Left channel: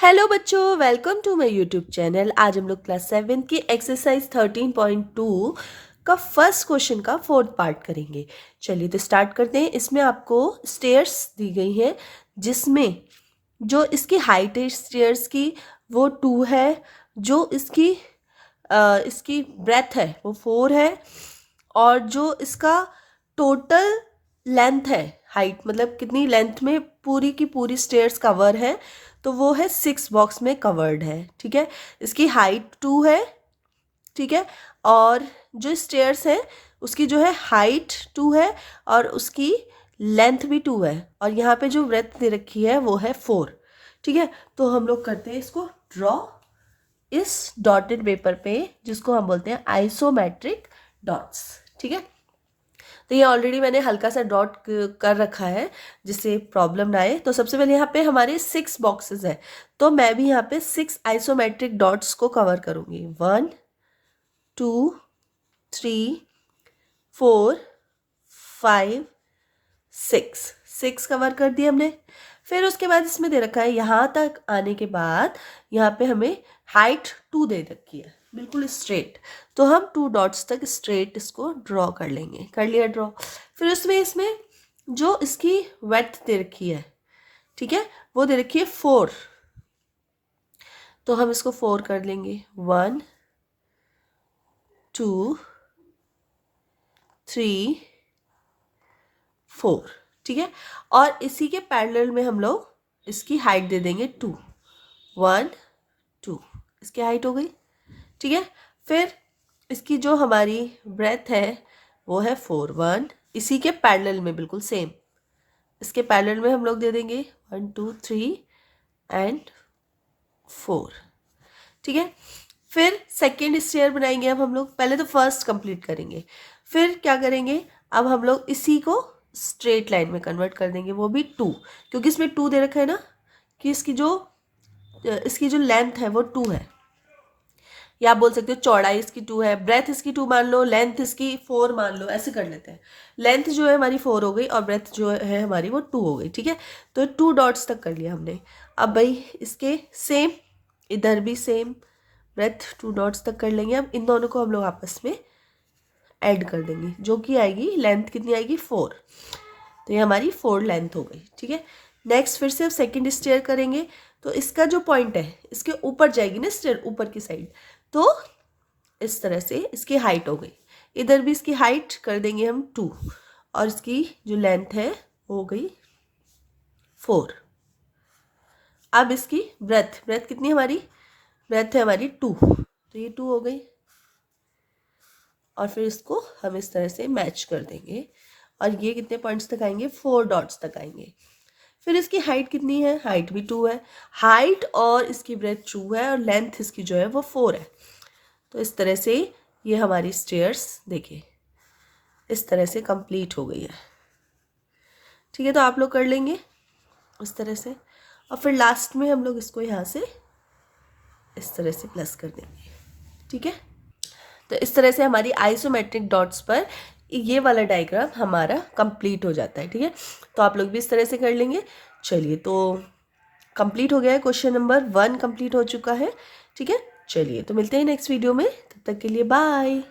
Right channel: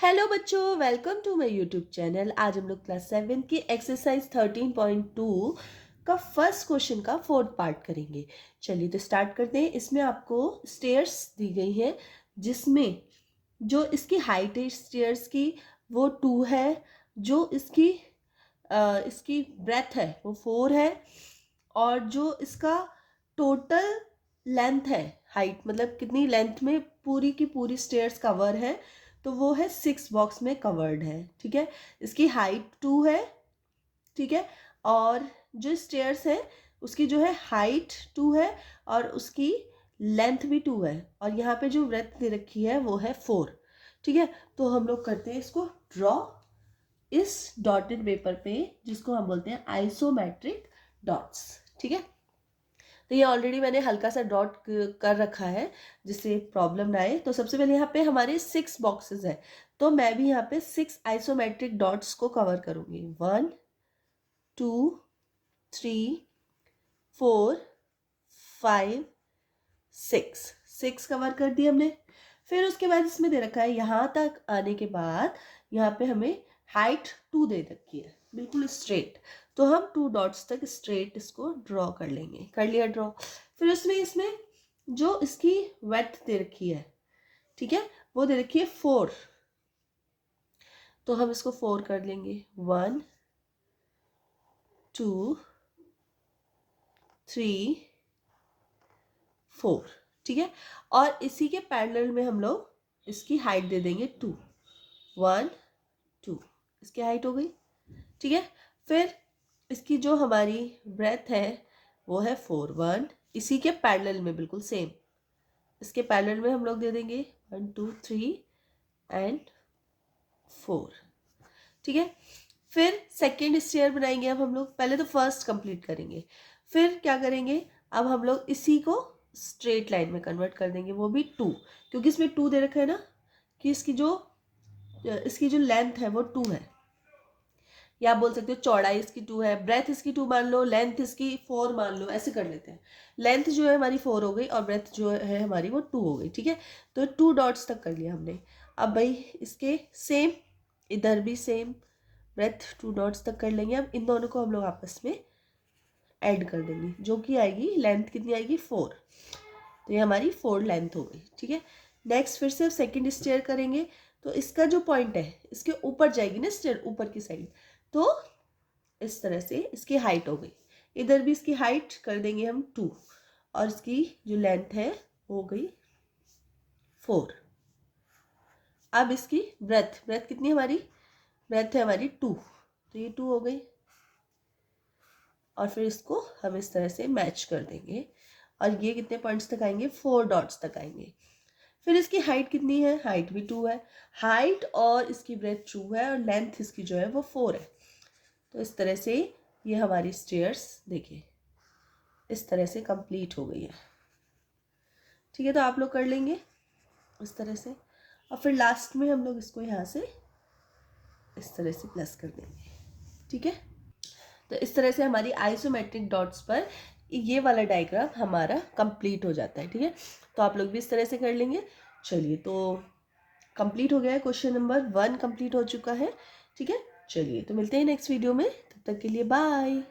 Hello बच्चों, welcome to my YouTube channel. आज हम लोग क्लास 7 की एक्सरसाइज 13.2 का फर्स्ट क्वेश्चन का फोर्थ पार्ट करेंगे। चलिए तो स्टार्ट करते हैं। इसमें आपको स्टेयर्स दी गई है, जिसमें जो इसकी हाइट है स्टेयर्स की वो 2 है, जो इसकी ब्रेथ है वो 4 है, और जो इसका टोटल लेंथ है, हाइट मतलब कितनी लेंथ में पूरी की पूरी स्टेयर्स कवर है, तो वो है 6 बॉक्स में कवर्ड है। ठीक है, इसकी हाइट 2 है। ठीक है, और जो स्टेयर्स है उसकी जो है हाइट 2 है और उसकी लेंथ भी 2 है, और यहाँ पे जो ब्रेथ दे रखी है वो है 4। ठीक है, तो हम लोग करते हैं इसको ड्रॉ इस डॉटेड पेपर पे, जिसको हम बोलते हैं आइसोमेट्रिक डॉट्स। ठीक है, तो ये ऑलरेडी मैंने हल्का सा डॉट कर रखा है जिससे प्रॉब्लम ना आए। तो सबसे पहले यहाँ पे हमारे 6 बॉक्सेस है, तो मैं भी यहाँ पे 6 आइसोमेट्रिक डॉट्स को कवर करूँगी। 1 2 3 4 5 6 कवर कर दिए हमने। फिर उसके बाद इसमें दे रखा है, यहाँ तक आने के बाद यहाँ पे हमें हाइट 2 दे रखी है बिल्कुल स्ट्रेट, तो हम 2 डॉट्स तक स्ट्रेट इसको ड्रॉ कर लेंगे। कर लिया ड्रॉ। फिर इसमें जो इसकी वेड्थ दे रखी है, ठीक है, वो दे रखी है 4, तो हम इसको 4 कर लेंगे। 1 2 3 4। ठीक है, और इसी के पैरेलल में हम लोग इसकी हाइट दे देंगे 2। 1 2, इसकी हाइट हो गई। ठीक है, फिर इसकी जो हमारी ब्रेथ है वो है 4। 1, इसी के पैरेलल में बिल्कुल सेम, इसके पैरेलल में हम लोग दे देंगे 1 2 3 एंड 4। ठीक है, फिर सेकेंड स्टेयर बनाएंगे। अब हम लोग पहले तो फर्स्ट कंप्लीट करेंगे, फिर क्या करेंगे, अब हम लोग इसी को स्ट्रेट लाइन में कन्वर्ट कर देंगे, वो भी 2, क्योंकि इसमें 2 दे रखा है ना, कि इसकी जो लेंथ है वो 2 है, या आप बोल सकते हो चौड़ाई इसकी 2 है, ब्रेथ इसकी 2 मान लो, लेंथ इसकी 4 मान लो, ऐसे कर लेते हैं। लेंथ जो है हमारी 4 हो गई और ब्रेथ जो है हमारी वो 2 हो गई। ठीक है, तो 2 डॉट्स तक कर लिया हमने। अब भाई इसके सेम, इधर भी सेम ब्रेथ 2 डॉट्स तक कर लेंगे। अब इन दोनों को हम लोग आपस में ऐड कर देंगे, जो कि आएगी लेंथ कितनी आएगी 4, तो ये हमारी 4 लेंथ हो गई। ठीक है, नेक्स्ट फिर से अब सेकेंड स्टेयर करेंगे, तो इसका जो पॉइंट है इसके ऊपर जाएगी ना स्टेयर, ऊपर की साइड, तो इस तरह से इसकी हाइट हो गई। इधर भी इसकी हाइट कर देंगे हम 2, और इसकी जो लेंथ है हो गई 4। अब इसकी ब्रेथ कितनी हमारी, ब्रेथ है हमारी 2, तो ये 2 हो गई, और फिर इसको हम इस तरह से मैच कर देंगे, और ये कितने पॉइंट्स तक आएंगे, 4 डॉट्स तक आएंगे। फिर इसकी हाइट कितनी है, हाइट भी 2 है, हाइट और इसकी ब्रेथ 2 है, और लेंथ इसकी जो है वो 4 है। तो इस तरह से ये हमारी स्टेयर्स देखिए इस तरह से कंप्लीट हो गई है। ठीक है, तो आप लोग कर लेंगे इस तरह से, और फिर लास्ट में हम लोग इसको यहाँ से इस तरह से प्लस कर देंगे। ठीक है, तो इस तरह से हमारी आइसोमेट्रिक डॉट्स पर ये वाला डायग्राम हमारा कंप्लीट हो जाता है। ठीक है, तो आप लोग भी इस तरह से कर लेंगे। चलिए, तो कंप्लीट हो गया है, क्वेश्चन नंबर 1 कंप्लीट हो चुका है। ठीक है, चलिए तो मिलते हैं नेक्स्ट वीडियो में, तब तक के लिए बाय।